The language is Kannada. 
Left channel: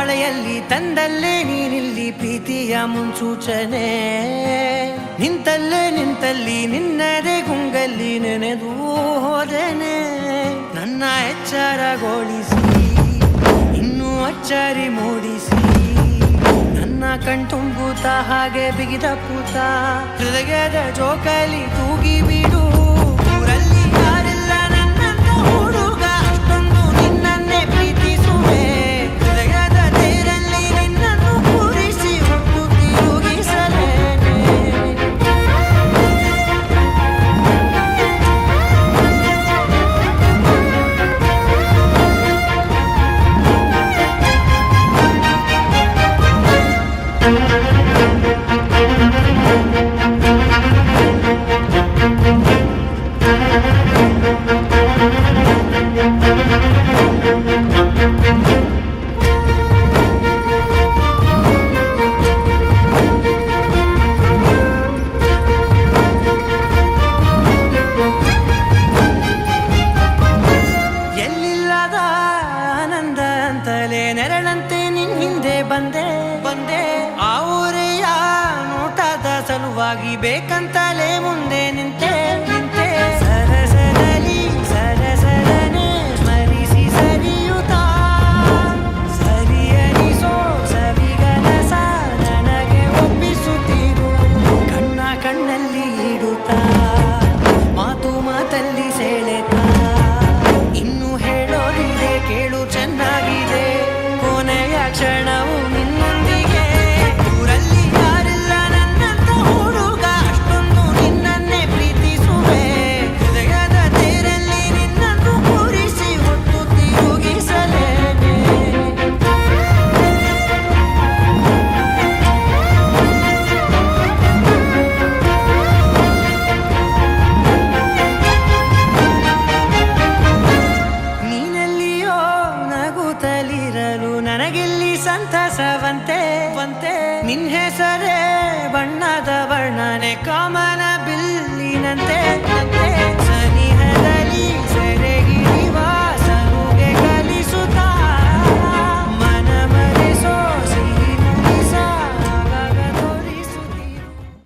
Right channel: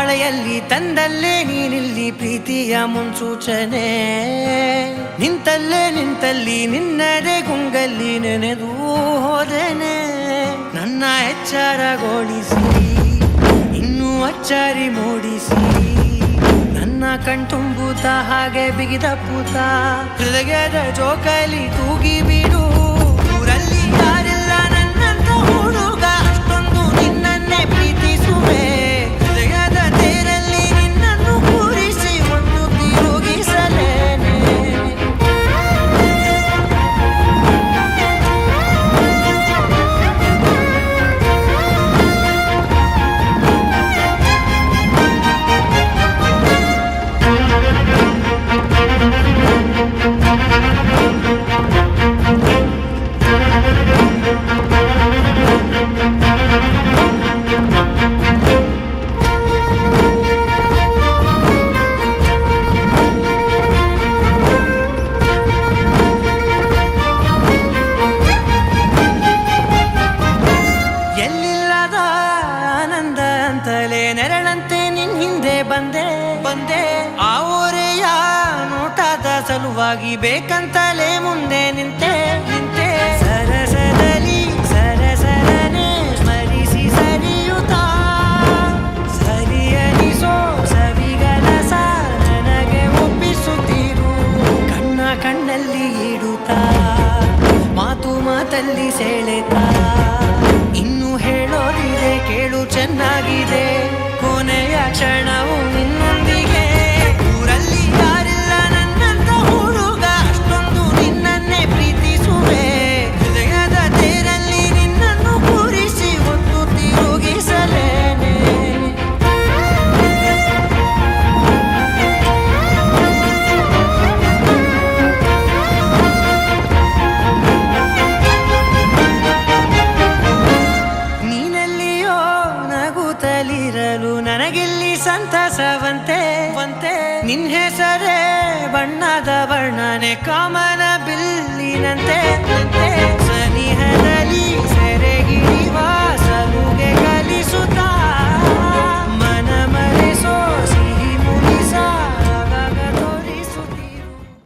ಮಳೆಯಲ್ಲಿ ತಂದಲ್ಲೇ ನೀನಿಲ್ಲಿ ಪ್ರೀತಿಯ ಮುನ್ಸೂಚನೆ. ನಿಂತಲ್ಲಿ ನಿನ್ನದೇ ಗುಂಗಲ್ಲಿ ನೆನೆದು ಹೋದೆನೆ. ನನ್ನ ಎಚ್ಚರಗೊಳಿಸಿ ಇನ್ನೂ ಅಚ್ಚರಿ ಮೂಡಿಸಿ, ನನ್ನ ಕಣ್ತುಂಬುತ್ತ ಹಾಗೆ ಬಿಗಿದ ಪೂತ ಹೃದಯದ ಜೋಕಾಲಿ ತೂಗಿ ಬಿಡು. ಊರಲ್ಲಿ ಯಾರಿಲ್ಲ ನನ್ನಂತ ಹುಡುಗ, ಅಷ್ಟೊಂದು ನಿನ್ನನ್ನೇ ಪ್ರೀತಿಸುವೆ. ಹೃದಯದ ತೇರಲ್ಲಿ ನಿನ್ನನ್ನು ಕೂರಿಸಿ ಹೊತ್ತು ತಿರುಗಿಸಲೇನೆ. ಎಲ್ಲಿಲ್ಲದ ಆನಂದ ಅಂತಲೇ ನೆರಳಂತೆ ನಿನ್ ಹಿಂದೆ ಬಂದೆ. ಆ ಊರೆಯ ನೋಟದ ಸಲುವಾಗಿ ಬೇಕಂತಲೇ ಮುಂದೆ ನಿಂತೆ. ಸರಸದಲ್ಲಿ ಸರಸರನೆ ಸ್ಮರಿಸಿ ಸರಿಯುತ್ತಾ, ಸರಿಯನಿಸೋ ಸವಿಗನಸ ನನಗೆ ಒಪ್ಪಿಸುತ್ತೀರು. ಕಣ್ಣಲ್ಲಿ ಇಡುತ್ತಾ, ಮಾತಲ್ಲಿ ಸೆಳೆತಾ, ಇನ್ನು ಹೇಳೋದಿದೆ ಕೇಳು ಚೆನ್ನಾಗಿದೆ. ಕೊನೆಯ ಕ್ಷಣವು ನಿನ್ನೊಂದಿಗೆ. ಊರಲ್ಲಿ ಯಾರಿಲ್ಲ ನನ್ನಂತ ಹುಡುಗ, ಅಷ್ಟೊಂದು ನಿನ್ನನ್ನೇ ಪ್ರೀತಿಸುವೆ. ಹೃದಯದ ತೇರಲ್ಲಿ ನಿನ್ನನ್ನು ಕೂರಿಸಿ ಹೊತ್ತು ತಿರುಗಿಸಲೇನೆ. ನಗುತ್ತಲಿರಲು ನನಗಿಲ್ಲಿ ಸಂತಸವಂತೆ. ನಿನ್ ಹೆಸರೇ ಬಣ್ಣದ ವರ್ಣನೆ ಕಾಮನ ಬಿಲ್ಲಿನಂತೆ. ಸನಿಹದಲ್ಲಿ ಸೆರೆ ಹಿಡಿಯುವ ಸಲುಗೆ ಕಲಿಸುತ್ತಾ, ಮನ ಮರೆಸೋ ಸಿಹಿ ಮುನಿಸ